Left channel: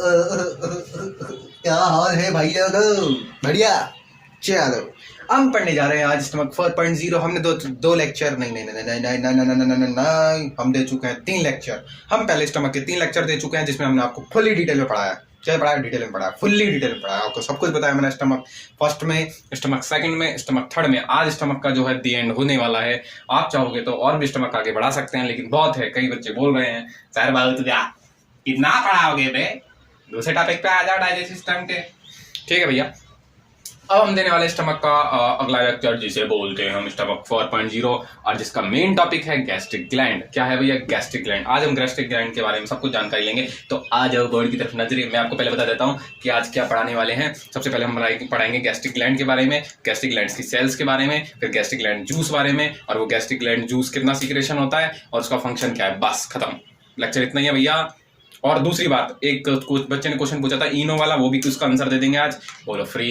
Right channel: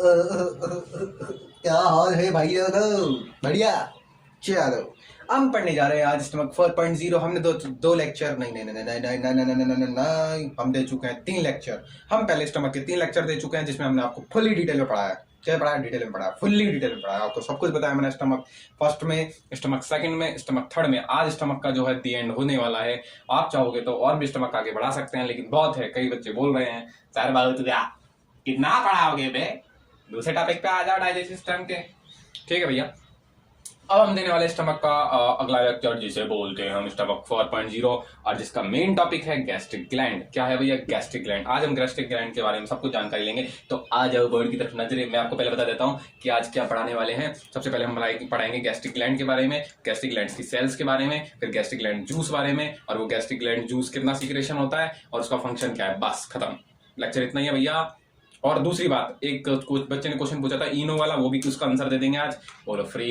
क्या हाल है भाई लोगों? बढ़िया। चलो हम पढ़ने जा रहे हैं आज स्टमक 4.0। हमने दो लेक्चर नहीं, हम दे चुके हैं 3 लेक्चर। हम पहले स्टमक के 3 लेक्चर दे चुके हैं जिसमें हमने आपको फुल्ली डिटेल में पढ़ाया। क्या पढ़ाया? डिटेल में पढ़ाया, फुल्ली डिटेल में पढ़ाया, आपको सब कुछ बताया मैंने। स्टमक फर्स्ट में, स्टमक सेकंड में, स्टमक थर्ड में। आज स्टमक का जो है दी एंड होने वाला है। आप चाहोगे तो और भी स्टमक आगे बढ़ा सकते हैं, लेकिन बहुत है। कई बच्चे बोल रहे हैं सर बाबू तुझे कितना पढ़ाओगे बे, दूसरे टॉपिक पे आ जाओ डाइजेस्ट सिस्टम के। ठीक है भैया, अब हम देने वाले स्टमक का अगला लेक्चर जिसे बोलते हैं हम स्टमक 4.0 और जिसका मेन टॉपिक है गैस्ट्रिक ग्लैंड। क्या है भैया? Gastric gland. आज हम गैस्ट्रिक ग्लैंड के बारे में सब कुछ जानकारी लेंगे। तो आ जाओ बोर्ड की तरफ नजरे। मैं आपको पहले बता देता हूँ कि आज क्या पढ़ाने वाले हैं। सबसे पहले हम पढ़ाएंगे गैस्ट्रिक ग्लैंड के बारे में, गैस्ट्रिक ग्लैंड की सेल्स के बारे में, फिर गैस्ट्रिक ग्लैंड जूस बारे में, और वो गैस्ट्रिक ग्लैंड जूस कितना सीक्रेशन होता है और उसका फंक्शन क्या है। बस खत्म, लेक्चर इतना ही है भैया। और दूसरी बात, एक कुछ बच्चे ने क्वेश्चन पूछा था इनो वाला, वो भी उसका आंसर दे देंगे आज, बोलो फ्री।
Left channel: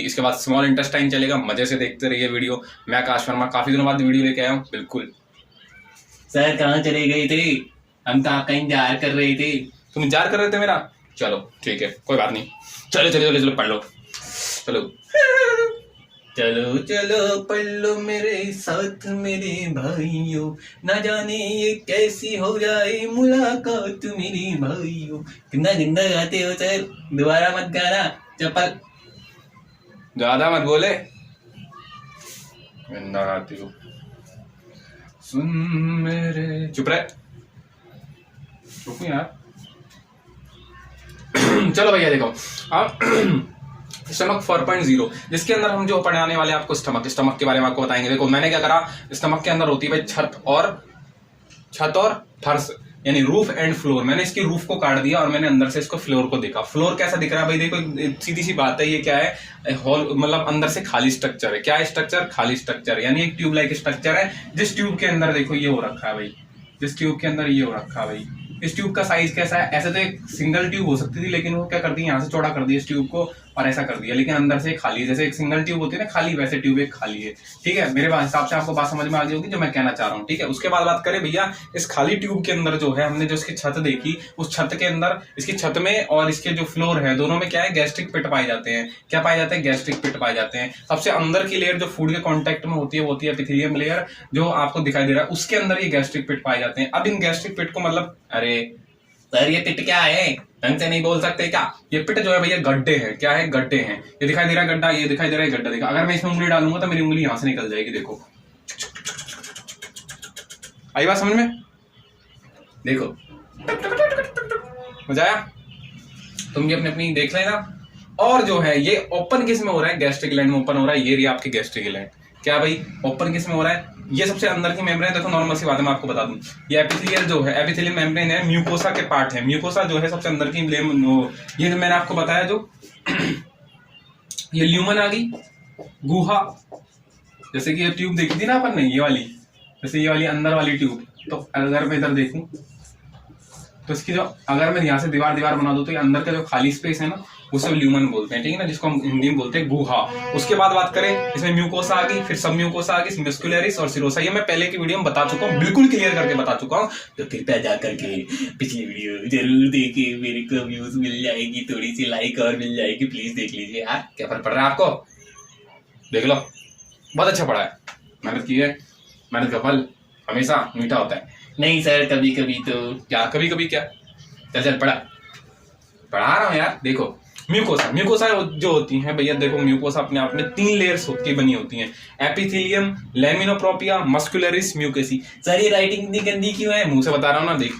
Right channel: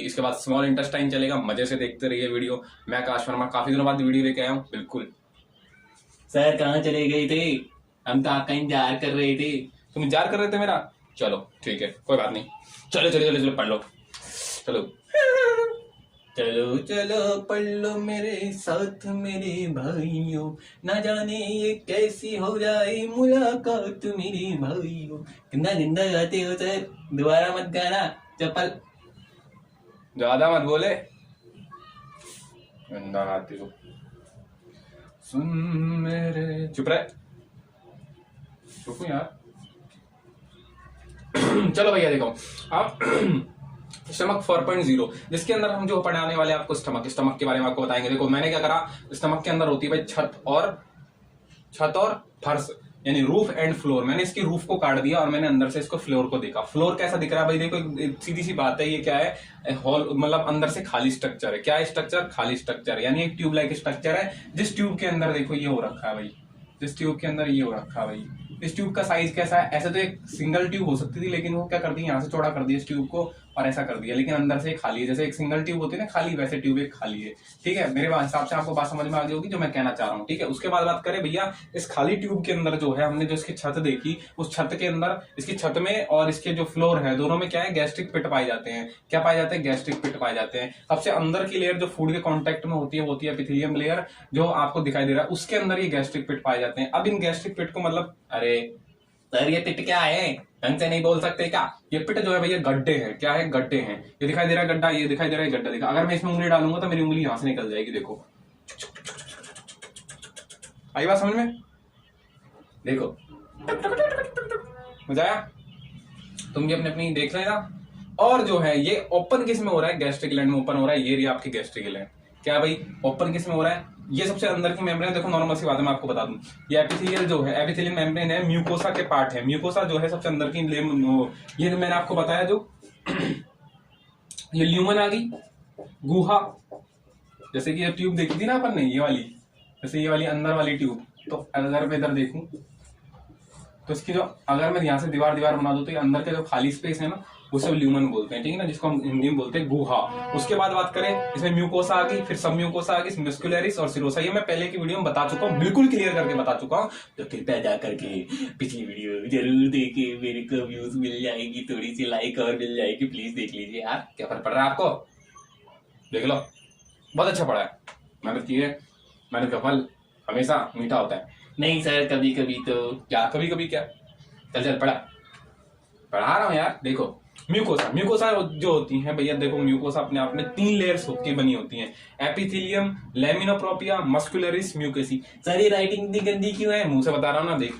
इसके बाद स्मॉल इंटेस्टाइन चलेगा, मजे से देखते रहिए वीडियो। मैं आकाश वर्मा काफी दिनों बाद वीडियो लेके आया हूँ। बिल्कुल सर कहाँ चले गए थे? हम तो आपका इंतजार कर रहे थे। तुम इंतजार कर रहे थे मेरा? चलो ठीक है, कोई बात नहीं। चलो चलो चलो चलो पढ़ लो, चलो चलो चलो पढ़ लो मेरे साथ मेरे भाइयों, ना जाने ये कैसी हो जाए मुलाकात मेरे भाइयों। कितना गंदा गाते हो सर, दोबारा मत गाना। चप्पल ज्यादा मत बोले, गंदा गाते हो। सुन मेरे, चुप रहे, चुप यार। चलो भैया देखो, अब स्टमक 4.0 जिसके अंदर हम जो पढ़ाने वाले आपको स्टमक के बारे में आपको बताएंगे। देखो मैंने क्या करा, स्टमक के अंदर होती है भाई छत और फर्श, यानी रूफ एंड फ्लोर। मैंने इसकी रूफ को काट दिया और मैंने अंदर से इसको फ्लोर को देखा। फ्लोर कैसा दिख रहा है भाई? देखो सीधी सी बात है, ये क्या है? हॉल, मतलब अंदर से खाली स्ट्रक्चर है। क्या है स्ट्रक्चर? खाली स्ट्रक्चर, यानी एक ट्यूब लाइक स्ट्रक्चर है। जिस ट्यूब के अंदर देखो ये हो रखा है भाई, जिस ट्यूब के अंदर ये हो रखा है भाई। इस ट्यूब का साइज कैसा है? ऐसे तो एक सिंगल ट्यूब हो सकती थी, लेकिन वो क्या कर दी, यहाँ से चौड़ा कर दिया इस ट्यूब को और ऐसा कर दिया, लेकिन अंदर से खाली है। जैसे एक सिंगल ट्यूब होती है ना खाली, वैसे ट्यूब एक खाली है। ठीक है, मेरे हिसाब से आपको बात समझ में आ गई होगी जो मैं कहना चाह रहा हूँ। ठीक है, उसके बाद बात करें भैया, इस खाली ट्यूब के अंदर जो है हमने जो इसकी छत देखी, उस छत के अंदर, इसकी छत में और इसके जो फ्लोर है दोनों में क्या है? गैस्ट्रिक पिट पाए जाते हैं। क्या पाए जाते हैं? गैस्ट्रिक पिट पाए जाते हैं। सबसे अंदर की लेयर जो फूड के कॉन्टेक्ट में होती है वो होती है एपिथेलियम लेयर, जो आपको दिखाई दे रहा है, उसके अंदर ये गैस्ट्रिक पिट पाए जाते हैं। अब इन गैस्ट्रिक पिट को, मतलब अरे सर ये पिट क्या है, ढंग से नहीं बोल सकते क्या? ये पिट जो है भैया गड्ढे हैं। क्या है? गड्ढे हैं। ये दिखाई दे रहा है गड्ढा, ये दिखाई दे रहा है गड्ढा। देखा, अगर मैं इसमें उंगली डालूंगा तो मेरी उंगली यहां से निकल जाएगी। देखो, आई बात समझ में? देखो मजा आया? तुम भी अपनी अपनी देख लेना। और जो है ये ओपन किस में हो रहा है? गैस्ट्रिक ग्लैंड में ओपन हो रहा है। ये रही आपकी गैस्ट्रिक ग्लैंड। क्या भाई? ओपन किस में हो रहा है? ये सबसे अंदर की मेम्ब्रेन। देखो नॉर्मल सी बात है, मैं आपको बता दूं, ये एपिथेलियल जो है, एपिथेलियल मेम्ब्रेन है, म्यूकोसा के पार्ट है। म्यूकोसा जो है सबसे अंदर की ये जो मैंने आपको बताया, जो ये ल्यूमन आ गई, गुहा, जैसे कि ये ट्यूब देखी थी ना अपन ने, ये वाली, जैसे ये वाली अंदर वाली ट्यूब। तो अगर मैं इधर देखूं तो इसकी जो, अगर मैं यहाँ से दीवार बना दूं तो ये अंदर का जो खाली स्पेस है ना, उसे ल्यूमन बोलते हैं। ठीक है ना, जिसको हम हिंदी में बोलते हैं गुहा। उसके बाद बात करें, इसमें म्यूकोसा आ गई, फिर सब म्यूकोसा आ गई, मस्कुलरिस और सिरोसा। ये मैं पहले की वीडियो में बता चुका हूँ, बिल्कुल क्लियर करके बता चुका हूँ। तो कृपया जा करके पिछली वीडियो जरूर देखिए, मेरे को व्यूज मिल जाएगी, थोड़ी सी लाइक और मिल जाएगी, प्लीज देख लीजिए यार। क्या फर्क पड़ रहा है आपको? देख लो, बहुत अच्छा पढ़ा है, मेहनत की है, मेहनत का फल हमेशा मीठा होता है। नहीं सर कभी कभी तो क्या, कभी कभी क्या, चल पढ़ा रहा हूँ यार। देखो म्यूकोसा जो होती हैं भैया, देखो म्यूकोसा अपने आप में 3 लेयर्स की बनी होती हैं, एपिथेलियम, लैमिनोप्रोपिया, मस्कुलरिस, म्यूकेसी। सर ये राइटिंग इतनी गंदी क्यों है? मुंह से बता रहा हूँ ना, देख,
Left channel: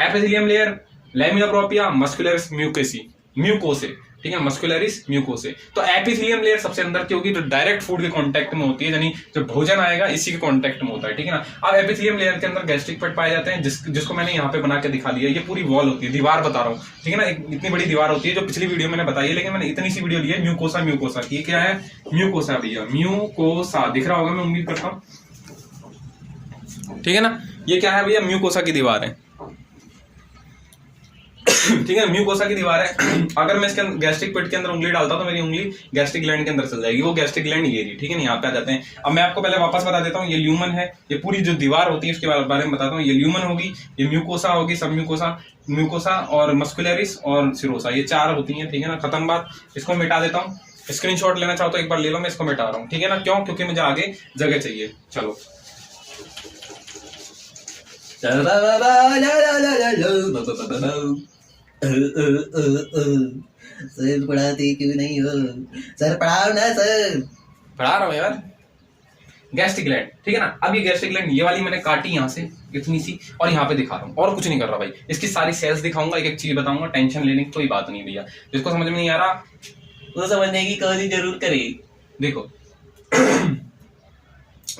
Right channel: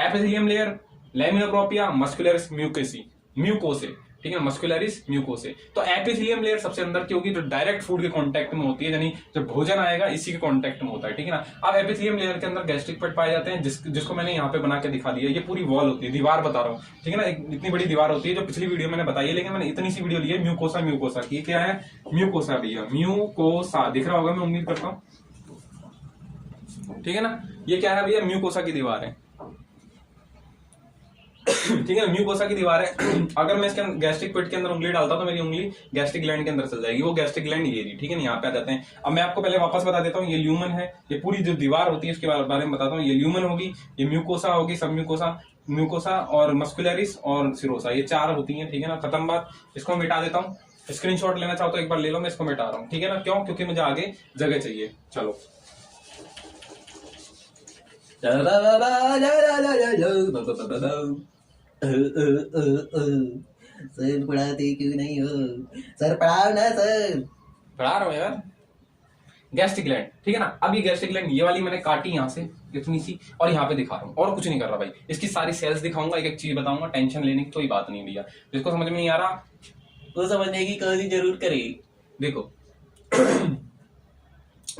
एपिथेलियम लेयर, लैमिनोप्रोपिया, मस्कुलरिस, म्यूकेसी, म्यूकोसे। ठीक है, मस्कुलरिस, म्यूकोसे। तो एपिथेलियम लेयर सबसे अंदर की होगी, जो डायरेक्ट फूड के कांटेक्ट में होती है, यानी जो भोजन आएगा इसी के कांटेक्ट में होता है। ठीक है ना। अब एपिथेलियम लेयर के अंदर गैस्ट्रिक पिट पाए जाते हैं, जिसको मैंने यहाँ पे बना के दिखा दिया। ये पूरी वॉल होती है, दीवार बता रहा हूँ। ठीक है ना, इतनी बड़ी दीवार होती है, जो पिछली वीडियो मैंने बताई है, लेकिन मैंने इतनी सी वीडियो ली है म्यूकोसा की। क्या है? म्यूकोसा भैया, म्यूकोसा दिख रहा होगा, मैं उम्मीद करता हूँ। ठीक है ना, ये क्या है भैया? म्यूकोसा की दीवार है। ठीक है, म्यूकोसा की दीवार है। अगर मैं इसके गैस्ट्रिक पिट के अंदर उंगली डालता हूं तो मेरी उंगली गैस्ट्रिक ग्लैंड के अंदर चल जाएगी, वो गैस्ट्रिक ग्लैंड ये रही, ठीक है ना। यहाँ पे आ जाते हैं। अब मैं आपको पहले वापस बता देता हूँ, ये ल्यूमन है, ये पूरी जो दीवार होती है उसके बारे में बताता हूँ। ये ल्यूमन होगी, ये म्यूकोसा होगी, सब म्यूकोसा और मस्कुलरिस और सिरोसा, ये 4 होती हैं, ठीक है ना। खत्म बात। इसको मिटा देता हूँ। स्क्रीनशॉट लेना चाहो तो एक बार ले लो, मैं इसको मिटा रहा हूँ, ठीक है ना। क्यों? क्योंकि मुझे आगे जगह चाहिए। चलो, सर पढ़ाते क्यों नहीं हो? सर पढ़ाओ ना सर। पढ़ा रहा हूँ यार। गैस्ट्रिक ग्लैंड, ठीक है ना। अब ये गैस्ट्रिक ग्लैंड ये वाली मैंने काटी यहाँ से इतनी सी, और यहाँ पे दिखा रहा हूँ, और कुछ नहीं कर रहा भाई। इसकी सारी सेल्स दिखाऊंगा, एक एक चीज बताऊंगा, टेंशन लेने की कोई बात नहीं भैया। जिसको समझ में नहीं आ रहा वो समझने की कोशिश जरूर करे। देखो,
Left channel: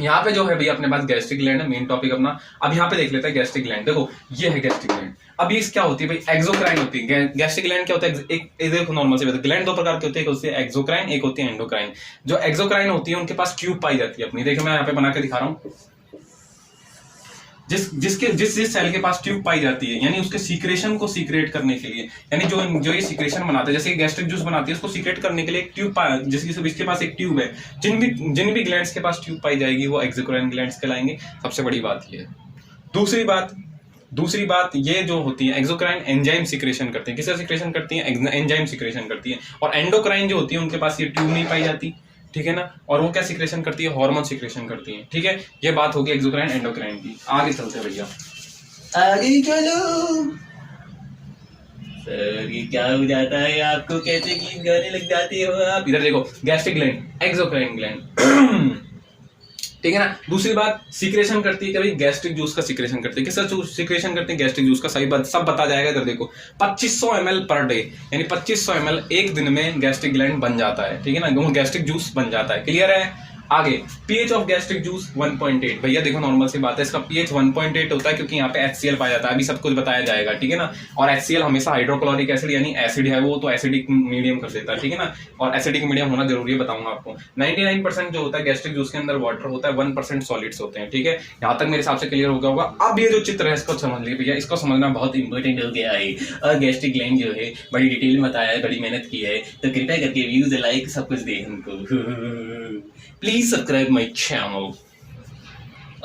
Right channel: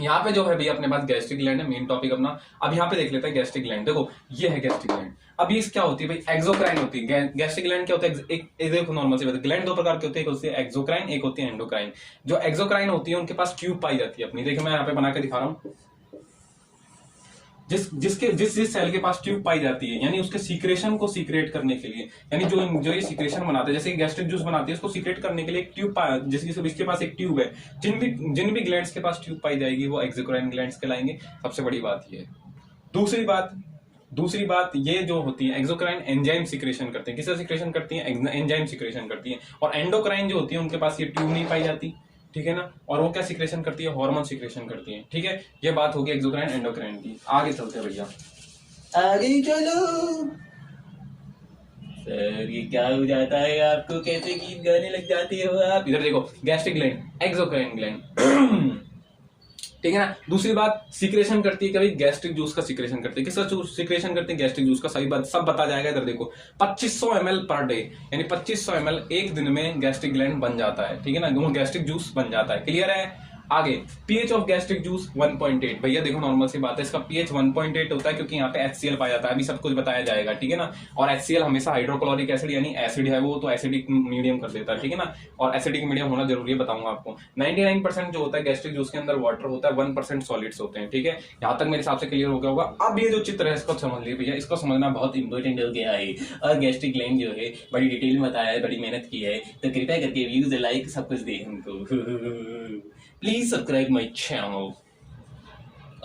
यहाँ पे जो है भैया अपने पास गैस्ट्रिक ग्लैंड है, मेन टॉपिक अपना। अब यहाँ पे देख लेते हैं गैस्ट्रिक ग्लैंड। देखो, ये है गैस्ट्रिक ग्लैंड। अब ये क्या होती है भाई? एक्सोक्राइन होती है। गैस्ट्रिक ग्लैंड क्या होता है? एक देखो, नॉर्मल से ग्लैंड 2 प्रकार की होती है, एक होती है एक्सोक्राइन, एक होती है एंडोक्राइन। जो एक्सोक्राइन होती है उनके पास ट्यूब पाई जाती है अपनी। देखो मैं यहाँ पे बना के दिखा रहा हूँ। जिस सेल के पास ट्यूब पाई जाती है, यानी उसके सीक्रेशन को सीक्रेट करने के लिए, यानी जो ये सीक्रेशन बनाता है, जैसे गैस्ट्रिक जूस बनाती है, उसको सीक्रेट करने के लिए एक ट्यूब जिसके पास एक ट्यूब है। जिन भी ग्लैंड्स के पास ट्यूब पाई जाएगी वो एक्सोक्राइन ग्लैंड्स कहलाएंगे। सबसे बड़ी बात ये है। दूसरी बात ये जो होती है, एक्सोक्राइन एंजाइम सीक्रेशन करते हैं। किसका सीक्रेशन करती है? एंजाइम सीक्रेशन करती है। और एंडोक्राइन जो होती है उनके पास ये ट्यूब नहीं पाई जाती, ठीक है ना। और वो क्या सीक्रेशन करती है? हार्मोन सीक्रेशन करती है, ठीक है। ये बात होगी एक्सोक्राइन एंडोक्राइन की। आगे चलते हैं भैया, आगे चलो। सर ये क्या हो जाता है आपको? कैसे गीत गाने लग जाते हो आप? इधर देखो, गैस्ट्रिक ग्लैंड, एक्सोक्राइन ग्लैंड, ठीक है ना। दूसरी बात, सीक्रेशन करती है, कभी गैस्ट्रिक जूस का सीक्रेशन करती है। किसका सीक्रेशन करती है? गैस्ट्रिक जूस का। सही बात सब बता जाएगा। इधर देखो, 2500 ml पर डे, यानी 2500 ml एक दिन में गैस्ट्रिक ग्लैंड बन जाता है, ठीक है ना। गैस्ट्रिक जूस बन जाता है। क्लियर है? आगे, पीएच ऑफ गैस्ट्रिक जूस 1.8। भैया देखो, नॉर्मल सी बात है, इसका पीएच 1.8 होता है क्योंकि यहाँ पे HCl पाया जाता है। अभी सब कुछ बताया जाएगा, ठीक है ना। और HCl हमेशा हाइड्रोक्लोरिक एसिड यानी एसिड है, वो तो एसिडिक मीडियम कर देता है, ठीक है ना। और एसिडिक मीडियम होना जरूरी है, बताऊंगा आपको। 99% जो होता है गैस्ट्रिक जूस के अंदर वाटर होता है, 1% सॉलिड्स होते हैं, ठीक है। यहाँ तक मेरे हिसाब से क्लियर हो गया होगा। अब ये जो चित्र है इसको समझ लीजिए भैया, इसको समझना बहुत इंपॉर्टेंट हो गया है। और गैस्ट्रिक ग्लैंड जो है बड़ी डिटेल में बताया है, बड़ी मेहनत की है, तो कृपया करके व्यूज लाइक सब कुछ दे हमको। Please subscribe my channel.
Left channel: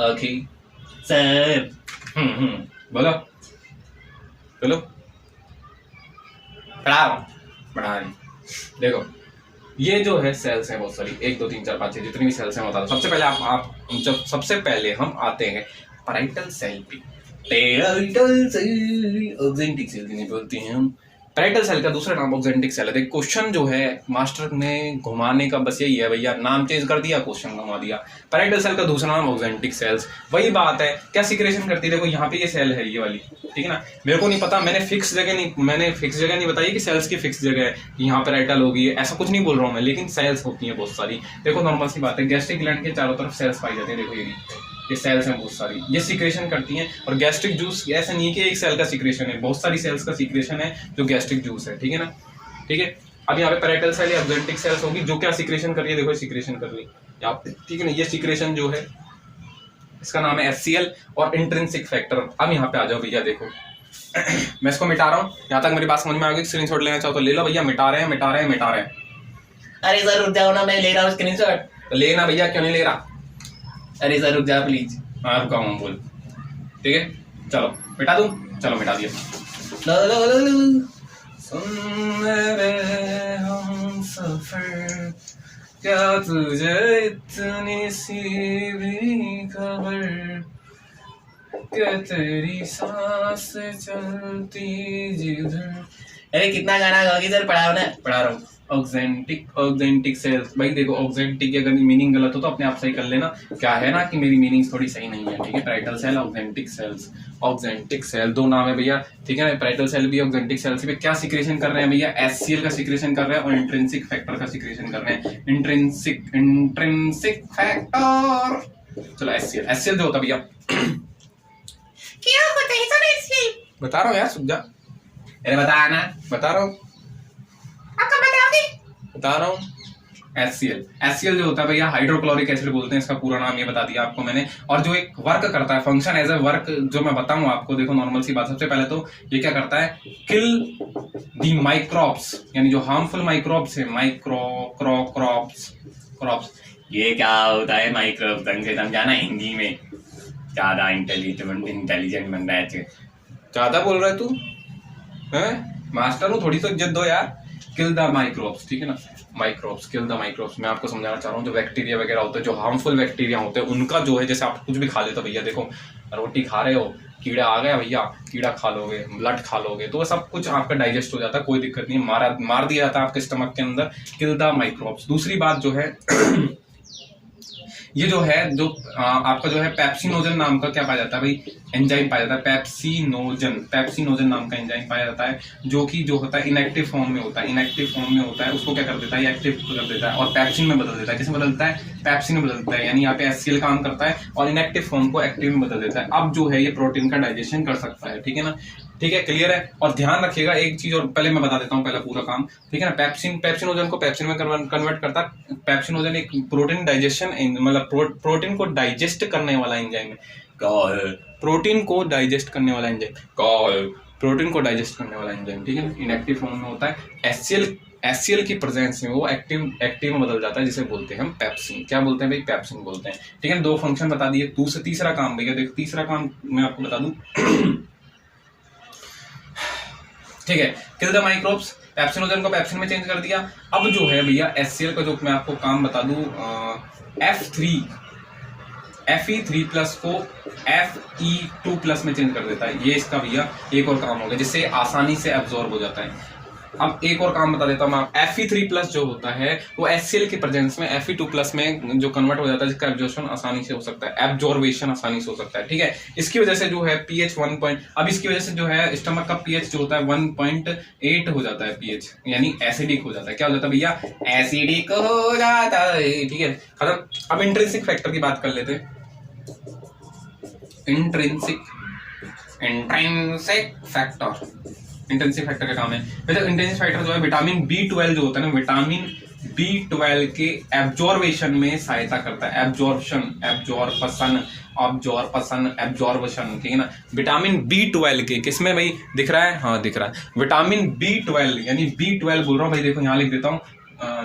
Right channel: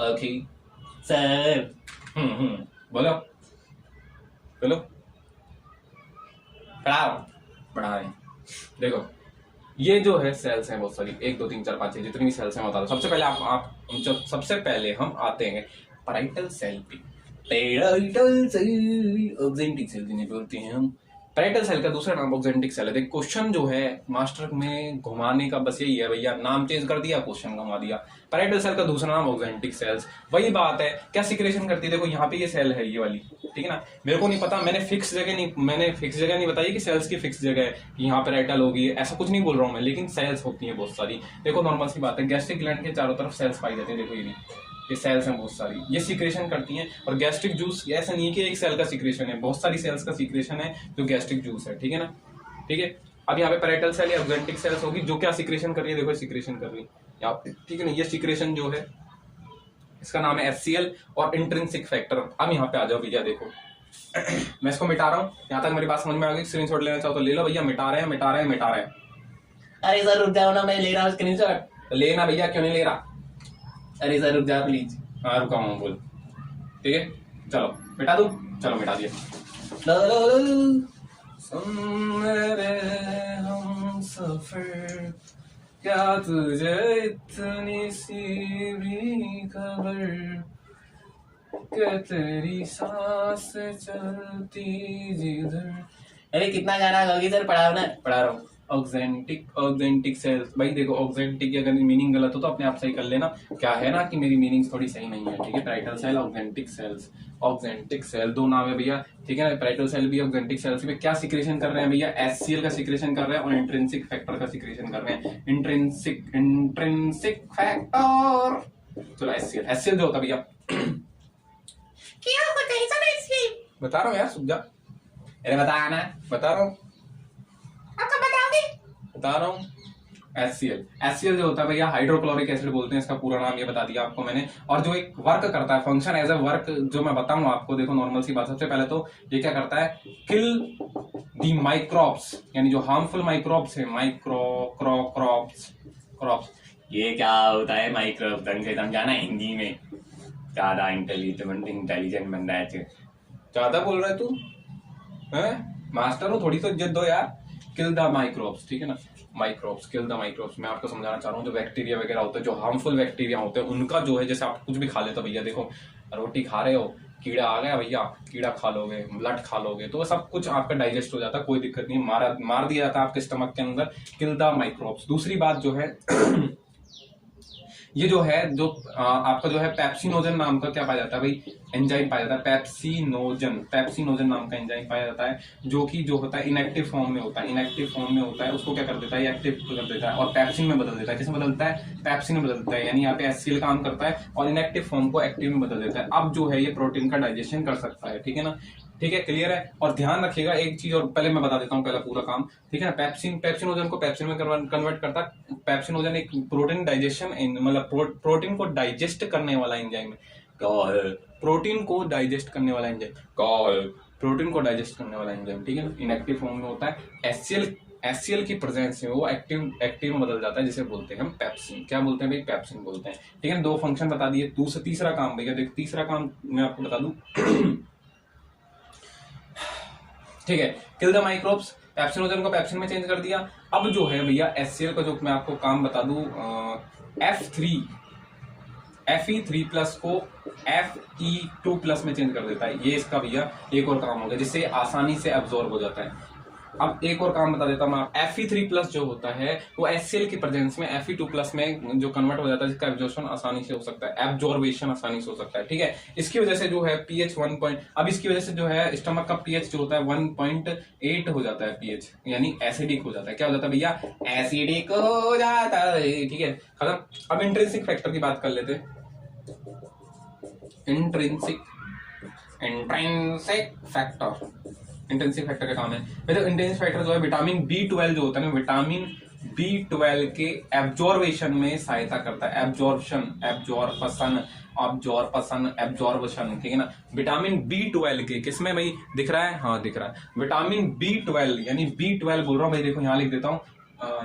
Okay sir. बोलो बोलो। बढ़ा रहे। देखो, ये जो है सेल्स हैं बहुत सारी, 1 2 3 4 5 6 जितनी भी सेल्स हैं बता दो। सबसे पहले हम आते हैं पैराइटल सेल पे। पैराइटल सेल, ऑक्जेंटिक सेल जिन्हें बोलते हैं हम। पैराइटल सेल का दूसरा नाम ऑक्जेंटिक सेल है। क्वेश्चन जो है मास्टर ने घुमाने का बस यही है भैया, नाम चेंज कर दिया, क्वेश्चन घुमा दिया। पैराइटल सेल का दूसरा नाम ऑक्जेंटिक सेल्स। वही बात है, क्या सीक्रेशन करती है? देखो यहाँ पे ये सेल है, ये वाली, ठीक है ना। मेरे को नहीं पता, मैंने फिक्स जगह नहीं बताई कि सेल्स की फिक्स जगह है, यहाँ पैराइटल होगी, ऐसा कुछ नहीं बोल रहा हूँ मैं, लेकिन सेल्स होती हैं बहुत सारी। देखो नॉर्मल सी बात है, गैस्ट्रिक ग्लैंड के चारों तरफ सेल्स पाई जाती है। देखो ये सेल्स हैं बहुत सारी, ये सीक्रेशन करती हैं। और गैस्ट्रिक जूस ऐसा नहीं कि एक सेल का सीक्रेशन है, बहुत सारी सेल्स का सीक्रेशन है जो गैस्ट्रिक जूस है, ठीक है ना। ठीक है, अब यहाँ पे पैराइटल सेल या ऑक्जेंटिक सेल्स होगी जो क्या सीक्रेशन कर रही है? देखो सीक्रेशन कर रही है यहाँ पे, ठीक है ना। ये सीक्रेशन जो है इसका नाम है HCl और इंट्रिंसिक फैक्टर। अब यहाँ पे आ जाओ भैया, देखो मैं इसको मिटा रहा हूँ। यहाँ तक मेरी बात समझ में आ गई? स्क्रीनशॉट लेना चाहो तो ले लो भैया। मिटा रहे हैं। अरे सर रुक जाओ ना, मैं ले रहा हूँ स्क्रीनशॉट। तो लेना भैया, क्यों नहीं ले रहा? अरे सर रुक जाओ प्लीज। हाँ रुका हूँ, बोल। ठीक है, चलो मिटा दूं। चलो मिटा दिया। सुन रे हम सफर, क्या तुझे इतनी सी भी खबर, क्या तेरी सांस चलती जिधर। अरे कितना गाना गाओगी सर? पढ़ाओ ना। पढ़ा रहा हूँ। Oxyntic cells. भाई देखो, ऑक्जेंटिक की अगर मीनिंग गलत हो तो अपने आप सही कर लेना। क्या है ना कि मेरी मीनिंग थोड़ी सही नहीं है, ठीक है। पैराइटल सेल, ऑक्जेंटिक सेल दो नाम है भैया, ठीक है। पैराइटल सेल भी ऑक्जेंटिक सेल से भी क्या सीक्रेशन कर रहे हैं भैया? HCl का सीक्रेशन कर रहे हैं और इंट्रिंसिक फैक्टर का सीक्रेशन कर रहे हैं। इंट्रिंसिक फैक्टर, चलो HCl जो होता भैया, क्या होता है सर HCl? बता रहा हूँ यार, सुन जा। अरे बताना। बता रहा हूँ। आपको बताओगे? बता रहा हूँ। HCl जो होता है भैया हाइड्रोक्लोरिक एसिड बोलते हैं, इसका पूरा नाम ये बता दिया आपको मैंने। और जो एक वर्क करता है, फंक्शन एज ए वर्क जो मैं बताऊं आपको, देखो नॉर्मल सी बात, सबसे पहले तो ये क्या करता है, किल दी माइक्रोब्स, यानी जो हार्मफुल माइक्रोब्स है, क्रॉप्स। ये क्या होता है माइक्रोब, ढंग से समझाना हिंदी में, ज्यादा इंटेलिजेंट बन रहा है, ज्यादा बोल रहा है तू हैं, मास्टर हूँ, थोड़ी तो इज्जत दो यार। किल द माइक्रोब्स, ठीक है ना, माइक्रोब्स, किल द माइक्रोब्स। मैं आपको समझाना चाह रहा हूँ जो बैक्टीरिया वगैरह होते हैं, जो हार्मफुल बैक्टीरिया होते हैं, उनका जो है, जैसे आप कुछ भी खा लेते हो भैया, देखो रोटी खा रहे हो, कीड़ा आ गया भैया, कीड़ा खा लोगे, ब्लड खा लोगे, तो सब कुछ आपका डाइजेस्ट हो जाता है, कोई दिक्कत नहीं, मार दिया जाता है आपके स्टमक के अंदर, किल द माइक्रोब्स। दूसरी बात जो है ये जो है, जो आपका जो है पेप्सिनोजन नाम का क्या पाया जाता है भाई, एंजाइम पाया जाता है, पेप्सिनोजन नाम का एंजाइम पाया जाता है, जो कि जो होता है इनएक्टिव फॉर्म में होता है, उसको क्या कर देता है, एक्टिव कर देता है और पेप्सिन में बदल देता है। किसमें बदलता है, पेप्सिन में बदल देता है, यानी यहाँ पे HCl काम करता है और इनएक्टिव फॉर्म को एक्टिव में बदल देता है। अब जो है ये प्रोटीन का डाइजेशन कर सकता है, ठीक है ना, ठीक है, क्लियर है। और ध्यान रखिएगा एक चीज, और पहले मैं बता देता हूँ पहला पूरा काम, ठीक है ना। पेप्सिनोजन को पेप्सिन में कन्वर्ट करता है। पेप्सिनोजन एक प्रोटीन डाइजेशन, मतलब प्रोटीन को डाइजेस्ट करने वाला एंजाइम है, प्रोटीन को डाइजेस्ट करने वाला एंजाइम, ठीक है ना, इनएक्टिव फॉर्म में होता है। HCl की प्रेजेंस में वो एक्टिव में बदल जाता है, जिसे बोलते हैं हम पेप्सिन। क्या बोलते हैं भाई, पेप्सिन बोलते हैं, ठीक है। 2 फंक्शन बता दिए। तीसरा काम भैया देखो, तीसरा काम मैं आपको बता दूं ठीक है, किल द माइक्रोब्स, पेप्सिनोजन को पेप्सिन में चेंज कर दिया। अब जो है भैया HCl का जो मैं आपको काम बता दूं, Fe3+ को Fe2+ में चेंज कर देता है। ये इसका भैया एक और काम हो गया, जिससे आसानी से एब्जॉर्ब हो जाता है। अब एक और काम बता देता हूँ मैं, Fe3+ जो होता है वो HCl की प्रेजेंस में Fe2+ में जो कन्वर्ट हो जाता है, जिसका एब्जॉर्प्शन आसानी से हो सकता है, एब्जॉर्बेशन आसानी से हो सकता है, ठीक है। इसकी वजह से जो है pH 1 अब इसकी वजह से जो है स्टमक का pH जो होता है 1.8 हो जाता है pH, यानी एसिडिक हो जाता है। क्या हो जाता है भैया, एसिडिक हो जाता है, ठीक है, खत्म। अब इंट्रिंसिक फैक्टर की बात कर लेते हैं। इंट्रिंसिक फैक्टर का काम है, इंट्रिंसिक फैक्टर जो है विटामिन B12 जो होता है ना, विटामिन B12 के एब्जॉर्बेशन में सहायता करता है, एब्जॉर्बेशन, ठीक है ना। विटामिन B12 के किसमें भाई, दिख रहा है, हाँ दिख रहा है, विटामिन B12 यानी B12 बोल रहा हूँ भाई, देखो यहाँ लिख देता हूँ,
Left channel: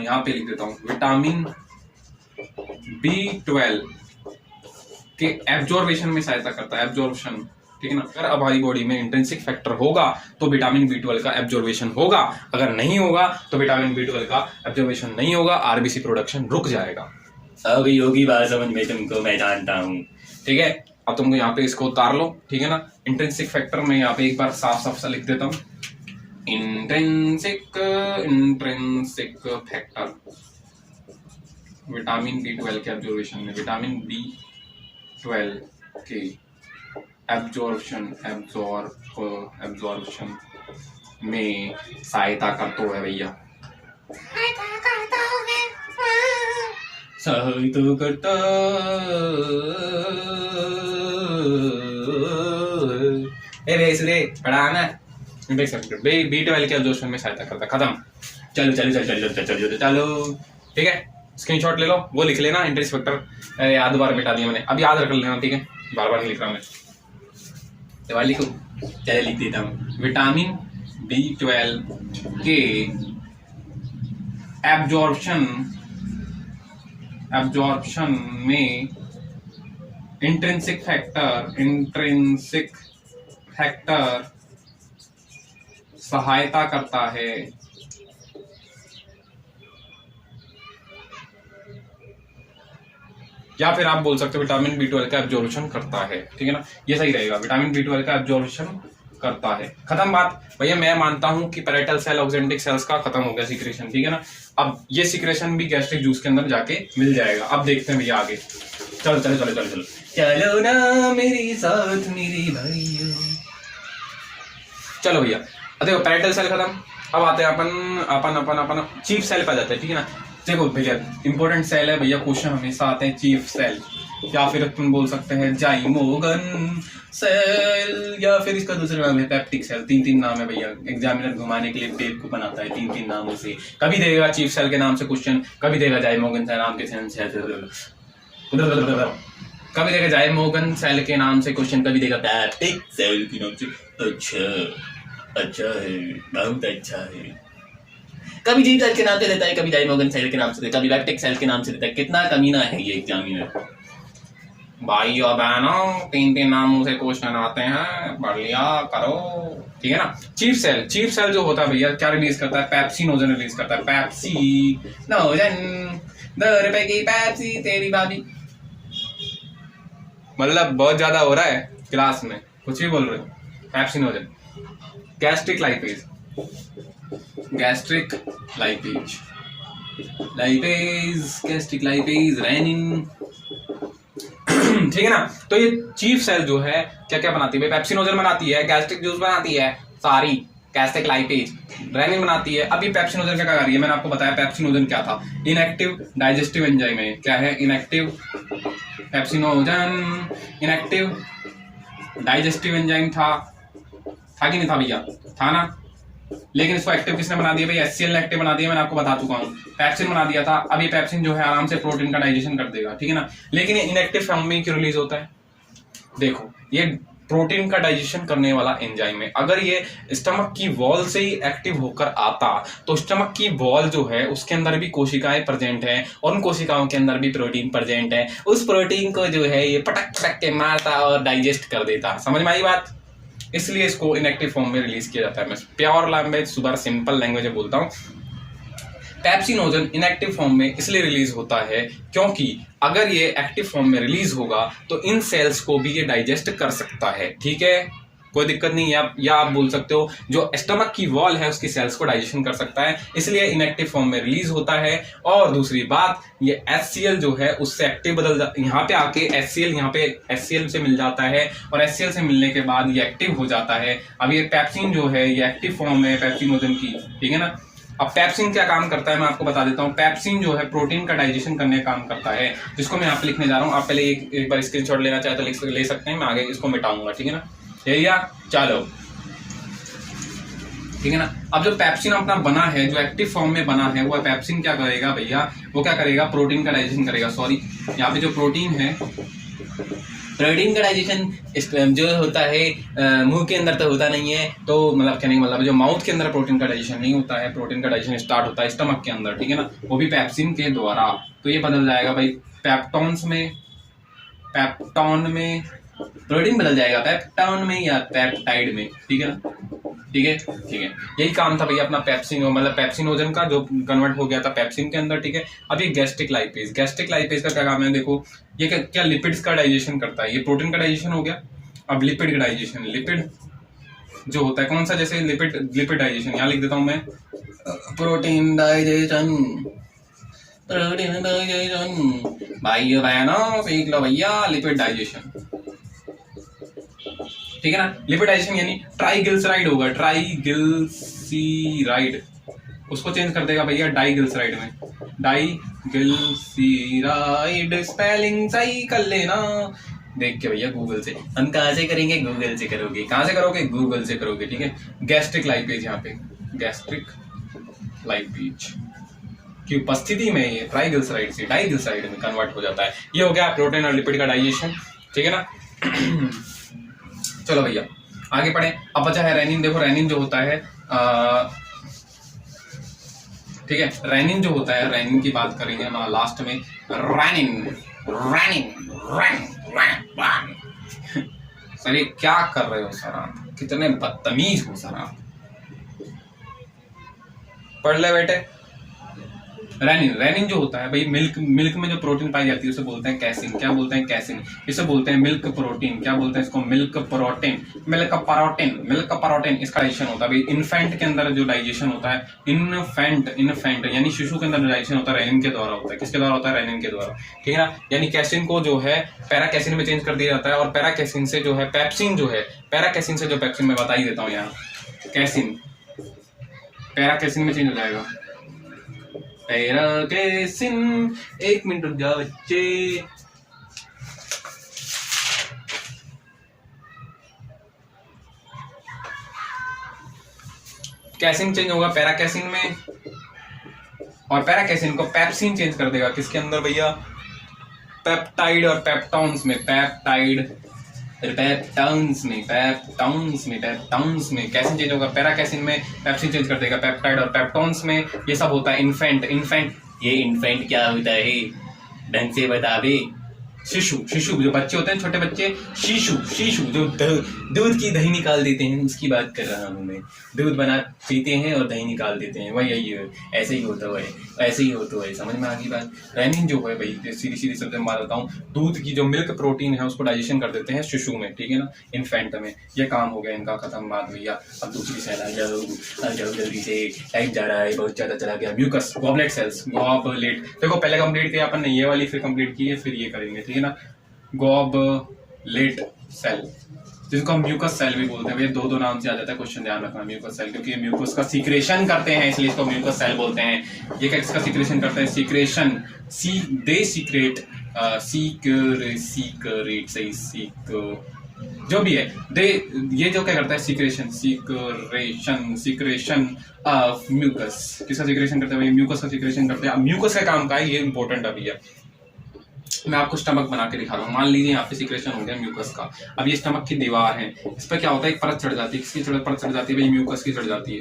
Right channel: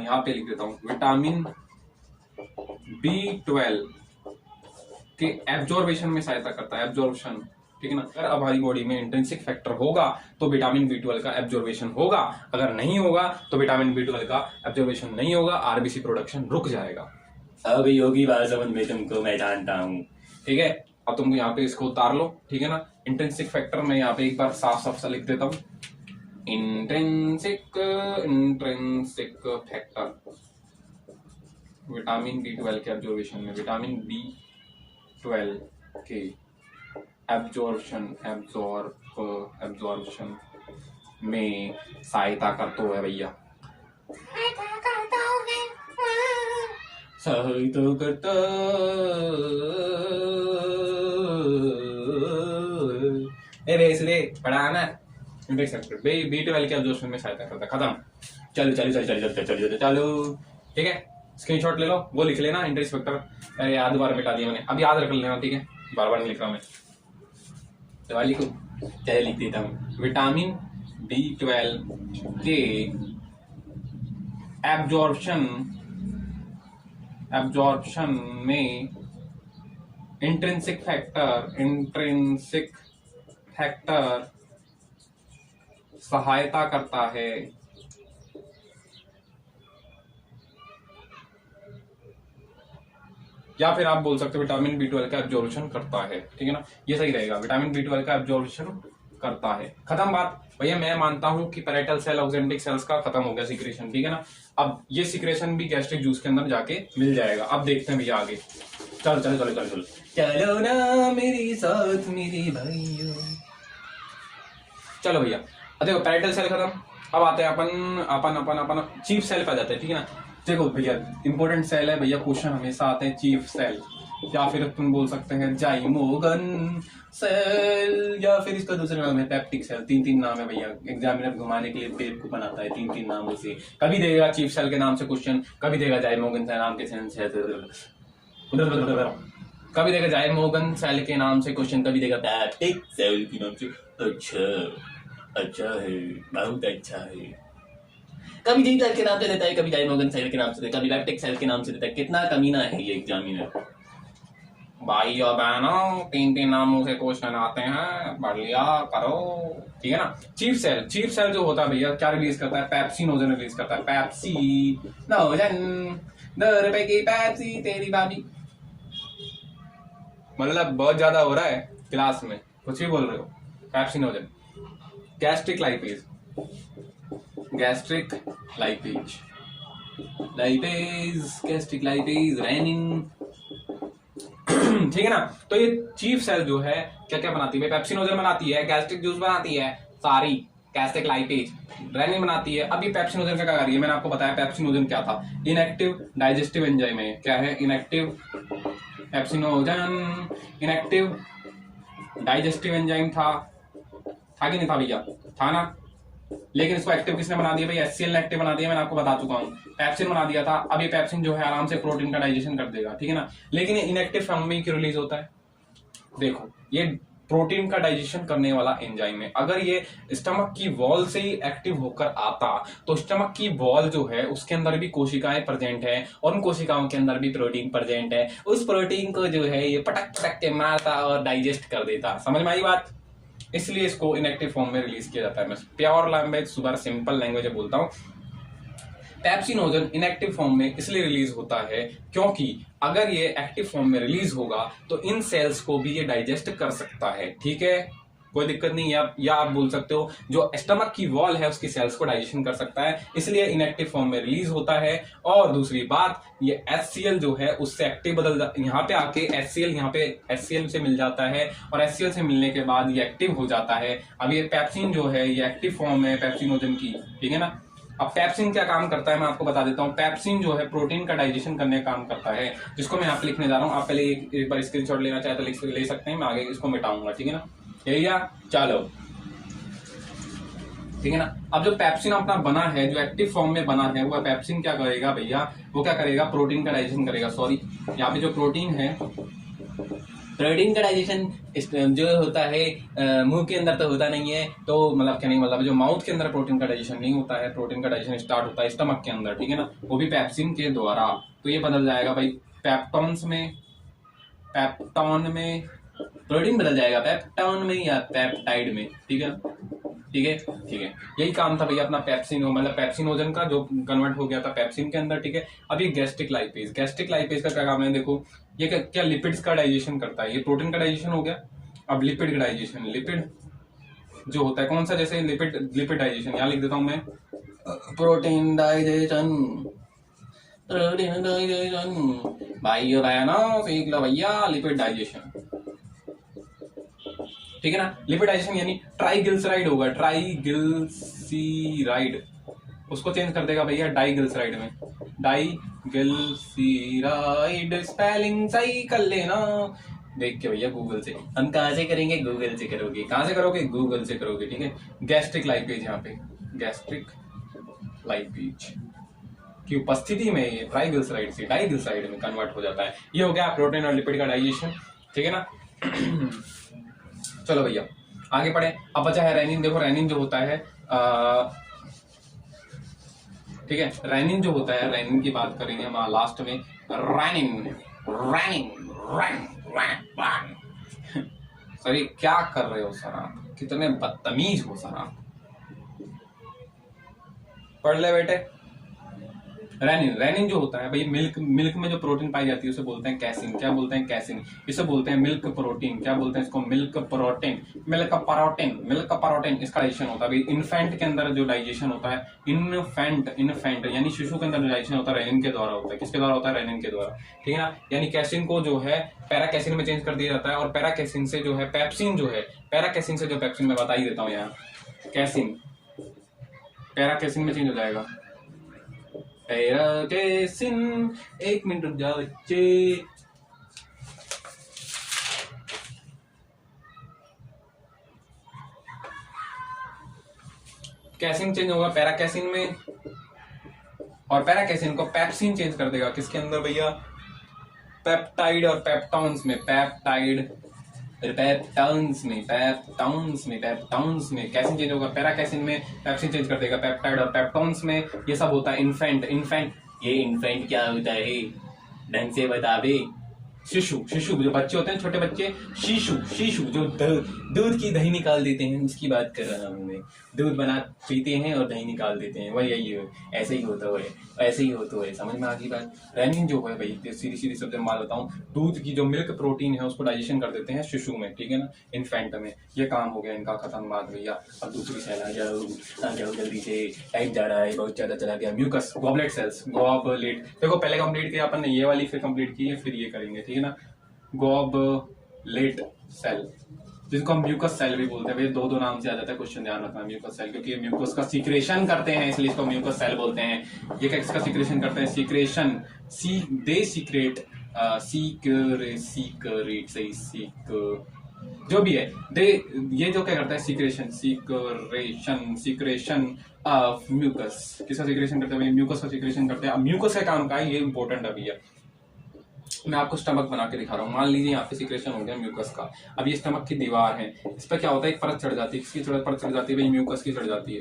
यहाँ पे लिख देता हूँ, विटामिन B12 के एब्जॉर्बेशन में सहायता करता है, एब्जॉर्बेशन, ठीक है ना। अगर हमारी बॉडी में इंट्रिंसिक फैक्टर होगा तो विटामिन B12 का एब्जॉर्बेशन होगा, अगर नहीं होगा तो विटामिन B12 का एब्जॉर्बेशन नहीं होगा, RBC प्रोडक्शन रुक जाएगा। अब योगी बात समझ में तुमको मैं जानता हूँ, ठीक है। अब तुमको यहाँ पे इसको उतार लो, ठीक है ना। इंट्रिंसिक फैक्टर में यहाँ पे एक बार साफ सा लिख देता हूँ, इंट्रिंसिक फैक्टर विटामिन B12 के एब्जॉर्बेशन में, विटामिन B12 के एब्जॉर्प्शन में सहायता करता है भैया, सहायता करता। इसलिए पढ़ाना देख सकते हो, B12 के एब्जॉर्प्शन में सहायता करता, खत्म। चलो ठीक है, स्क्रीनशॉट ले लो, वो लिख लेना इंट्रिंसिक फैक्टर, याद बार बिटा दिया मैंने, अब याद रख लेना, ठीक है, बार नहीं लिख रहा मैं, लिखो, चले लिख देता हूँ। विटामिन B12 के एब्जॉर्प्शन में इंट्रिंसिक फैक्टर सहायता करता है, या फिर आप बोल सकते हो विटामिन B12 का एब्जॉर्प्शन करता है, ठीक है ना, ये सही रहेगा, विटामिन B12 का एब्जॉर्प्शन करता है, खत्म बात भैया। मैं मानता हूं कि पैरेटल सेल, ऑक्जेंटिक सेल्स का खत्म हो गया सीक्रेशन, ठीक है ना। अब ये सीक्रेशन भी गैस्ट्रिक जूस के अंदर जाके मिल जाएगा। अब देखते हैं भैया आगे, चलो ना मेरे साथ मेरे भाइयों, चलो भैया। देखो पैरेटल सेल खत्म, अब आते हैं अपन चीफ सेल पे जाते हैं, ठीक है ना। देखो भैया इंपॉर्टेंट सेल है भैया, क्वेश्चन हमेशा आते हैं चीफ सेल, या फिर अपन बोल सकते हैं जाइमोगन सेल, या फिर इसका दूसरा नाम है पेप्टिक सेल। 3 नाम है भैया, एग्जामिनर घुमाने के लिए बेवकूफ बनाता है 3 नामों से। कभी देगा चीफ सेल के नाम से क्वेश्चन, कभी देगा जाइमोगन सेल नाम के कभी देगा जाइमोगन सेल के नाम से क्वेश्चन, कभी देगा पेप्टिक सेल के नाम से। अच्छा है, बहुत अच्छा है। कभी जी सेल के नाम से देता है, कभी जाइमोगन सेल के नाम से देता है, कभी पेप्टिक सेल के नाम से देता है। कितना कमीना है ये एग्जामिनर। भाई और बहनों 3 नामों से क्वेश्चन आते हैं, बढ़िया करो, ठीक है ना। चीफ सेल जो होता है भैया क्या रिलीज करता है, पेप्सिनोजन रिलीज करता है। पेप्सिनोजन 2 रुपए की पेप्सी तेरी भाभी। मतलब बहुत ज्यादा हो रहा है क्लास में, कुछ भी बोल रहे हो। Pepsinogen, gastric lipase, gastric lipase, rennin, ठीक है ना। तो ये चीफ सेल जो है क्या क्या बनाती है, पेप्सिनोजन बनाती है, गैस्ट्रिक जूस बनाती है, सारी गैस्ट्रिक लाइपेज, रेनिन बनाती है। अभी पेप्सिनोजन क्या कर रही है, मैंने आपको बताया पेप्सिनोजन क्या था, इनएक्टिव डाइजेस्टिव एंजाइम है। क्या है inactive, pepsinogen inactive digestive enzyme था कि नहीं था भैया, था ना। लेकिन इसको एक्टिव किसने बना दिया भाई, HCl ने एक्टिव बना दिया, मैंने आपको बता चुका हूँ। पेप्सिन बना दिया था, अब ये पेप्सिन जो है आराम से प्रोटीन का डाइजेशन कर देगा, ठीक है ना। लेकिन ये इनएक्टिव फॉर्म में क्यों रिलीज होता है, देखो ये प्रोटीन का डाइजेशन करने वाला एंजाइम है। अगर ये स्टमक की वॉल से ही एक्टिव होकर आता तो स्टमक की वॉल जो है उसके अंदर भी कोशिकाएं प्रेजेंट है, और उन कोशिकाओं के अंदर भी प्रोटीन प्रेजेंट है। उस प्रोटीन को जो है ये पटक पटक के मारता और डाइजेस्ट कर देता। समझ में आई बात। इसलिए इसको इनएक्टिव फॉर्म में रिलीज किया जाता है। मैं pure language, super simple language में बोलता हूँ। पेप्सिनोजन इनएक्टिव फॉर्म में इसलिए रिलीज होता है क्योंकि अगर ये एक्टिव फॉर्म में रिलीज होगा तो इन सेल्स को भी ये डाइजेस्ट कर सकता है, ठीक है, कोई दिक्कत नहीं है। या आप बोल सकते हो जो स्टमक की वॉल है उसकी सेल्स को डाइजेशन कर सकता है, इसलिए इनएक्टिव फॉर्म में रिलीज होता है। और दूसरी बात, ये HCl जो है उससे एक्टिव बदल जाता है, यहाँ पे आके HCl यहाँ पे HCl से मिल जाता है, और HCl से मिलने के बाद ये एक्टिव हो जाता है। अब ये पेप्सिन जो है ये एक्टिव फॉर्म है पेप्सिनोजन की, ठीक है ना। अब पेप्सिन क्या काम करता है मैं आपको बता देता हूँ। पेप्सिन जो है प्रोटीन का डाइजेशन करने का काम करता है, जिसको मैं यहाँ पे लिखने जा रहा हूँ। आप पहले एक बार स्क्रीनशॉट लेना चाहे तो ले सकते हैं, मैं आगे इसको मिटाऊंगा, ठीक है ना। एरिया चलो, ठीक है ना। अब जो पेप्सिन अपना बना है, जो एक्टिव फॉर्म में बना है, वो पेप्सिन क्या करेगा भैया, वो क्या करेगा, प्रोटीन का डाइजेशन करेगा। सॉरी, यहाँ पे जो प्रोटीन है, प्रोटीन का डाइजेशन जो होता है मुंह के अंदर तो होता नहीं है, तो मतलब कहने का मतलब जो माउथ के अंदर प्रोटीन का डाइजेशन नहीं होता है, प्रोटीन का डाइजेशन स्टार्ट होता है स्टमक के अंदर, ठीक है ना, वो भी पेप्सिन के द्वारा। तो ये बदल जाएगा भाई पेप्टॉन्स में, पेप्टॉन में प्रोटीन बदल जाएगा, पेप्टॉन में या पेप्टाइड में, ठीक है ना, ठीक है, ठीक है। यही काम था भैया अपना पेप्सिन, मतलब पेप्सिनोजन का, जो कन्वर्ट हो गया था पेप्सिन के अंदर, ठीक है। अब ये गैस्ट्रिक लाइपेज का क्या काम है, देखो ये क्या लिपिड्स का डाइजेशन करता है। ये प्रोटीन का डाइजेशन हो गया, अब लिपिड का डाइजेशन, लिपिड जो होता है कौन सा, जैसे लिपिड डाइजेशन यहाँ लिख देता हूं मैं, प्रोटीन डाइजेशन, प्रोटीन डाइजेशन, भाइयों बहनों सीख लो भैया लिपिड डाइजेशन, ठीक है ना। लिपिड डाइजेशन यानी ट्राइग्लिसराइड होगा, ट्राइग्लिसराइड, उसको चेंज कर देगा भैया डाइग्लिसराइड में, डाइग्लिसराइड। स्पेलिंग सही कर लेना देख के भैया गूगल से। हम कहाँ से करेंगे, गूगल से करोगे। कहाँ से करोगे, गूगल से करोगे, ठीक है। गैस्ट्रिक लाइपेज, यहाँ पे गैस्ट्रिक लाइपेज की उपस्थिति में ये ट्राइग्लिसराइड से डाइग्लिसराइड में कन्वर्ट हो जाता है। ये हो गया प्रोटीन और लिपिड का डाइजेशन, ठीक है ना। चलो भैया आगे पढ़े। अब बचा है रेनिन। देखो रेनिन जो होता है ठीक है, रेनिन जो होता है, रेनिन की बात करेंगे हम लास्ट में। रेनिन रेनिन रेनिन सर ये क्या कर रहे हो सर आप, कितने बदतमीज हो सर आप। पढ़ ले बेटे। रेनिन जो होता है भाई, मिल्क में जो प्रोटीन पाई जाती है उसे बोलते हैं कैसिन। क्या बोलते हैं, कैसिन। इसे बोलते हैं मिल्क प्रोटीन। क्या बोलते हैं इसको, मिल्क प्रोटीन, मिल्क प्रोटीन। इसका डाइजेशन होता है भाई इन्फेंट के अंदर जो डाइजेशन होता है, इन्फेंट यानी शिशु के अंदर जो डाइजेशन होता है रेनिन के द्वारा होता है। किसके द्वारा होता है, रेनिन के द्वारा, ठीक है ना। यानी कैसिन को जो है पैराकैसिन में चेंज कर दिया जाता है, और पैराकैसिन से जो है पेप्सिन, जो है पैराकैसिन से जो पेप्सिन में बता ही देता हूँ यहाँ, कैसिन पैराकैसिन में चेंज हो जाएगा, पैरा कैसिन, एक मिनट रुक जाओ बच्चे। कैसिन चेंज होगा पैरा कैसिन में, और पैरा कैसिन को पेप्सिन चेंज कर देगा किसके अंदर भैया, पेप्टाइड और पेप्टॉन्स में, पेप्टाइड पेप्टाउंस में, पेप्टाउंस में, पेप्टाउंस में कैसिन चेंज होगा पैरा कैसिन में, पेप्सिन चेंज कर देगा पेप्टाइड और पेप्टॉन्स में। ये सब होता है इन्फेंट। इन्फेंट, ये इन्फेंट क्या होता है ढंग से बता बे। शिशु, शिशु जो बच्चे होते हैं छोटे बच्चे, शिशु, शिशु जो दूध की दही निकाल देते हैं उसकी बात कर रहा हूँ मैं। दूध बना पीते हैं और दही निकाल देते हैं, वही यही है, ऐसे ही होता है, ऐसे ही होता है। समझ में आ गई बात। रेनिन जो है भाई सीधी सीधी शब्द में बताता हूँ, दूध की जो मिल्क प्रोटीन है उसको डाइजेशन कर देते हैं शिशु में, ठीक है ना, इन्फेंट में। ये काम हो गया इनका खत्म बात भैया। अब दूसरी सेल आ जाओ जल्दी से, टाइम जा रहा है बहुत ज्यादा चला गया। म्यूकस, गॉबलेट सेल्स, गॉबलेट देखो पहले कंप्लीट किया अपन ने ये वाली, फिर कंप्लीट की है, फिर ये करेंगे, ठीक है ना। गॉबलेट सेल जिसको हम म्यूकस सेल भी बोलते हैं भैया, दो नाम से आ जाता है, क्वेश्चन ध्यान रखना। म्यूकस सेल क्योंकि म्यूकस का सीक्रेशन करते हैं इसलिए इसको म्यूकस सेल बोलते हैं। ये किसका सीक्रेशन करते हैं, सीक्रेशन, दे सीक्रेट, सीक्रेट सही, जो भी है दे, ये जो क्या करता है सीक्रेशन, सीक्रेशन ऑफ म्यूकस। किसका सीक्रेशन करते हैं भाई, म्यूकस का सीक्रेशन करते हैं। अब म्यूकस का काम का है, ये इंपॉर्टेंट अभी है। मैं आपको स्टमक बना के दिखा रहा हूँ। मान लीजिए यहाँ पे सीक्रेशन हो गया म्यूकस का। अब ये स्टमक की दीवार है, इस पर क्या होता है, एक परत चढ़ जाती है। किसकी परत चढ़ जाती है भाई, म्यूकस की चढ़ जाती है।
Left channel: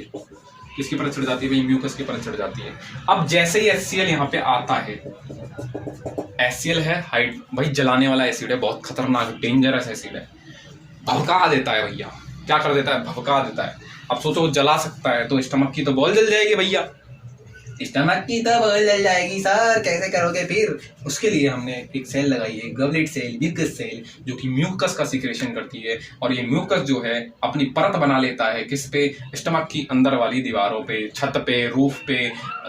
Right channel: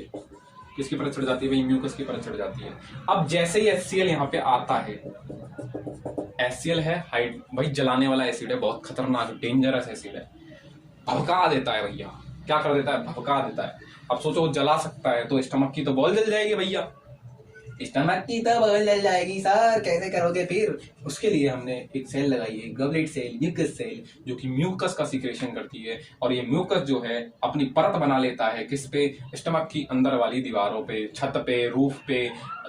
किसकी परत चढ़ जाती है भाई, म्यूकस की परत चढ़ जाती है। अब जैसे ही HCl यहाँ पे आता है, HCl है हाइड भाई, जलाने वाला एसिड है, बहुत खतरनाक डेंजरस एसिड है, भड़का देता है भैया। क्या कर देता है, भड़का देता है। अब सोचो जला सकता है तो स्टमक की तो बॉल जल जाएगी भैया, स्टमक की तो बॉल जल जाएगी सर, कैसे करोगे फिर। उसके लिए हमने एक सेल लगाई है, गॉबलेट सेल, म्यूकस सेल, जो कि म्यूकस का सीक्रेशन करती है। और ये म्यूकस जो है अपनी परत बना लेता है किस पे, स्टमक की अंदर वाली दीवारों पे, छत पे, रूफ पे,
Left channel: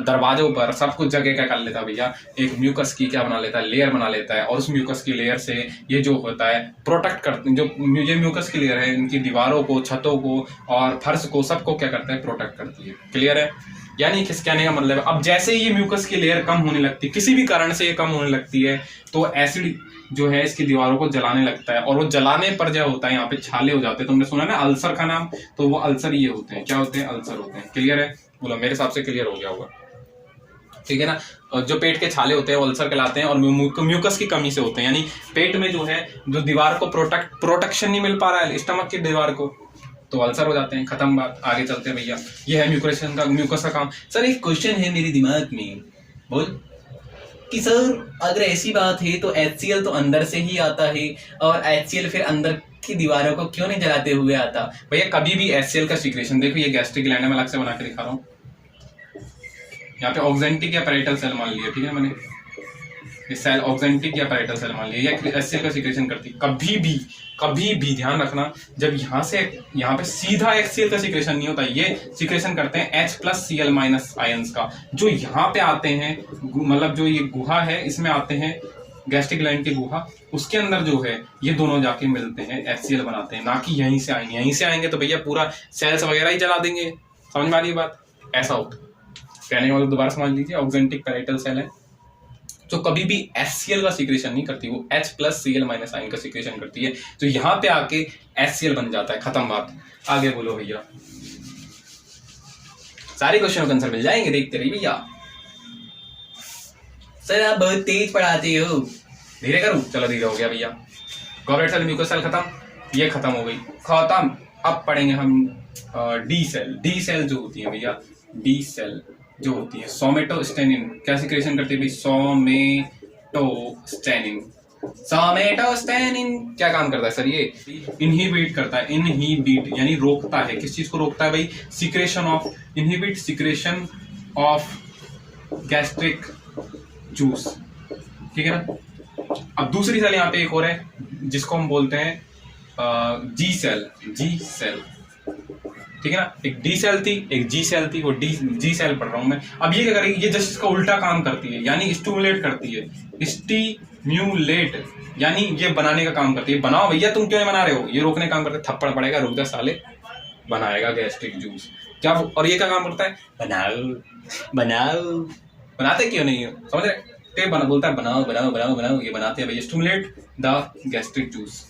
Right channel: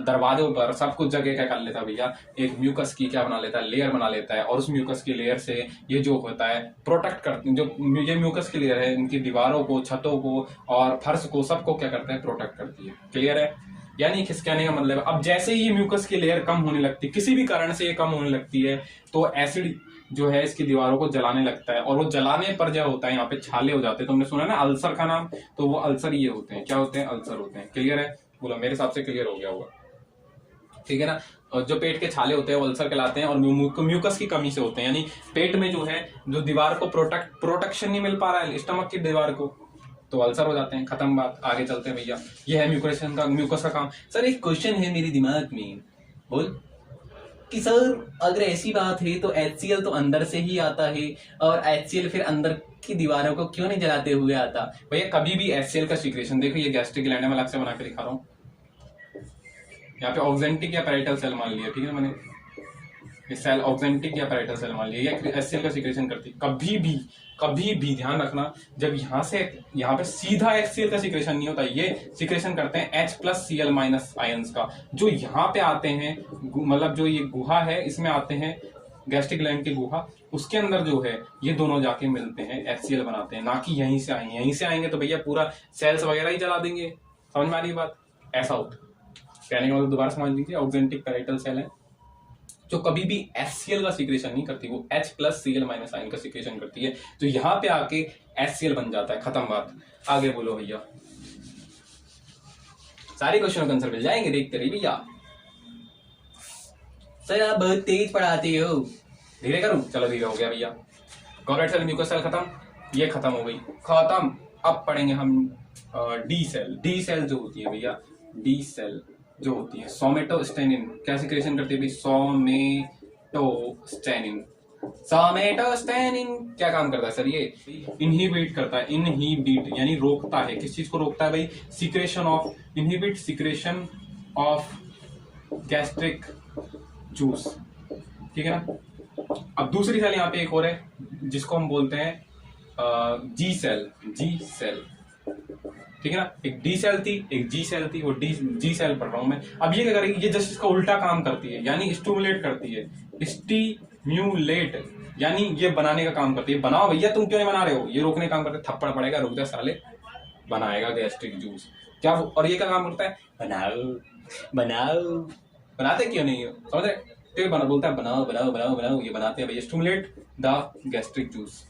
दरवाजों पर, सब कुछ जगह क्या कर लेता है भैया, एक म्यूकस की क्या बना लेता है, लेयर बना लेता है। और उस म्यूकस की लेयर से ये जो होता है प्रोटेक्ट करते, जो ये म्यूकस की लेयर है इनकी दीवारों को, छतों को और फर्श को, सबको क्या करता है, प्रोटेक्ट करती है। क्लियर है। यानी किस कहने का मतलब है, अब जैसे ही ये म्यूकस की लेयर कम होने लगती है, किसी भी कारण से ये कम होने लगती है, तो एसिड जो है इसकी दीवारों को जलाने लगता है। और वो जलाने पर जो होता है यहाँ पे छाले हो जाते हैं। तुमने सुना ना अल्सर का नाम, तो वो अल्सर ये होते हैं, क्या होते हैं, अल्सर होते हैं। क्लियर है, बोलो मेरे हिसाब से क्लियर हो गया होगा, ठीक है ना। जो पेट के छाले होते हैं वो अल्सर कहलाते हैं और म्यूकस की कमी से होते हैं। यानी पेट में जो है, जो दीवार को प्रोटेक्शन नहीं मिल पा रहा है स्टमक की दीवार को, तो अल्सर हो जाते हैं। खत्म बात, आगे चलते हैं भैया। ये है म्यूकस का काम। सर एक क्वेश्चन है मेरे दिमाग में, बोल कि सर अगर ऐसी बात है तो HCl तो अंदर से ही आता है, और HCl फिर अंदर की दीवारों को क्यों नहीं जलाते हुए आता भैया। कभी भी HCl का सीक्रेशन देखो, ये गैस्ट्रिक ग्लैंड में अलग से बना के दिखा रहा हूँ। यहाँ पे ऑक्जेंटिक या पैराइटल सेल मान लिया, ठीक है मैंने, ये सेल ऑक्जेंटिक या पैराइटल सेल मान लिया, ये HCl का सीक्रेशन करती है। कभी भी ध्यान रखना, जब यहाँ से यहाँ पे सीधा HCl का सीक्रेशन नहीं होता, ये सीक्रेशन करते हैं H+Cl- आयंस का, जो यहाँ पे आते हैं, मतलब जो ये गुहा है इसमें आते हैं, गैस्ट्रिक ग्लैंड की गुहा, उसके अंदर जो है ये दोनों जाके मिलते हैं, HCl बनाते हैं। ना कि यहीं से आएंगे, यहीं से आएंगे तो भैया पूरा सेल्स वगैरह ही जला देंगे। समझ में आ रही बात, ऐसा होता है। कहने का मतलब दोबारा समझ लीजिए, ऑक्जेंटिक पैराइटल सेल है जो कभी भी HCl का सीक्रेशन नहीं करती, वो H+Cl- आयन का सीक्रेशन करती है, जो यहाँ पे आके HCl बन जाता है। खत्म बात, आगे बोलो भैया। सारे क्वेश्चन का आंसर मिल जाएंगे, देखते रहिए भैया। सर आप बहुत तेज पढ़ाते हो, धीरे करूं, चलो धीरे हो गया भैया। गॉबलेट सेल, म्यूकस सेल खत्म, ये खत्म हो गई, खत्म। अब पढ़ेंगे हम डी सेल। डी सेल जो होती है भैया, डी सेल जो होती है, सोमेटोस्टेनिन क्या सीक्रेशन करती है भाई, सोमेटोस्टेनिन क्या काम करता है सर, ये इनहिबिट करता है, इनहिबिट यानी रोकता है। किस चीज को रोकता है भाई, secretion of, inhibit secretion of gastric juice, ठीक है ना। अब दूसरी सेल यहाँ पे एक और है जिसको हम बोलते हैं जी सेल, जी सेल, ठीक है ना। एक डी सेल थी, एक जी सेल थी, वो जी सेल पढ़ रहा हूं मैं। अब ये क्या करेगी, ये जस्ट इसका उल्टा काम करती है, यानी स्टिमुलेट करती है, स्टिम्यूलेट यानी ये बनाने का काम करती है। बनाओ भैया, तुम क्यों नहीं बना रहे हो, ये रोकने का काम करते, थप्पड़ पड़ेगा, रुक जा साले, बनाएगा गैस्ट्रिक जूस क्या। और ये क्या काम करता है, बनाओ बनाओ बनाते क्यों नहीं हो, समझ रहे? टेप बना बोलता है बनाओ बनाओ बनाओ बनाओ, ये बनाते हैं भाई, स्टिमुलेट द गैस्ट्रिक जूस।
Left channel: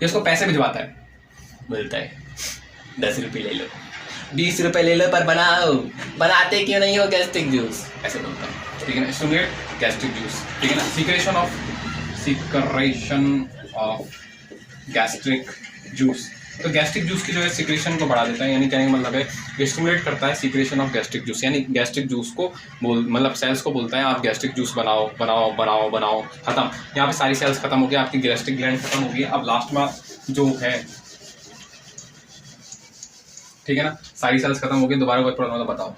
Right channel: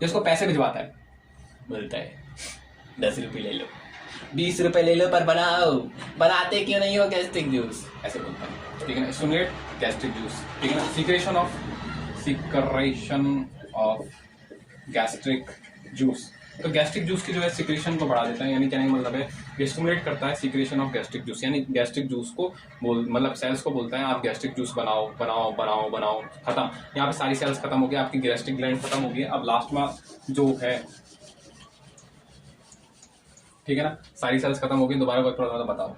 जिसको पैसे भिजवाता है बोलता है 10 रुपये ले लो, 20 रुपए ले लो पर बनाओ, बनाते क्यों नहीं हो गैस्ट्रिक जूस। ऐसे बोलता है, ठीक है ना। स्टिमुलेट गैस्ट्रिक जूस, ठीक है ना। सीक्रेशन ऑफ गैस्ट्रिक जूस, तो गैस्ट्रिक जूस की जो है सीक्रेशन को बढ़ा देता है, यानी कहने का मतलब है ये स्टिमुलेट करता है सीक्रेशन ऑफ गैस्ट्रिक जूस, यानी गैस्ट्रिक जूस को मतलब सेल्स को बोलता है आप गैस्ट्रिक जूस बनाओ बनाओ बनाओ बनाओ, खत्म। यहाँ पे सारी सेल्स खत्म हो गई, आपकी गैस्ट्रिक ग्लैंड खत्म हो गई। अब लास्ट में जो है, ठीक है ना, सारी सेल्स खत्म हो गई। दोबारा कोई प्रॉब्लम तो बताओ।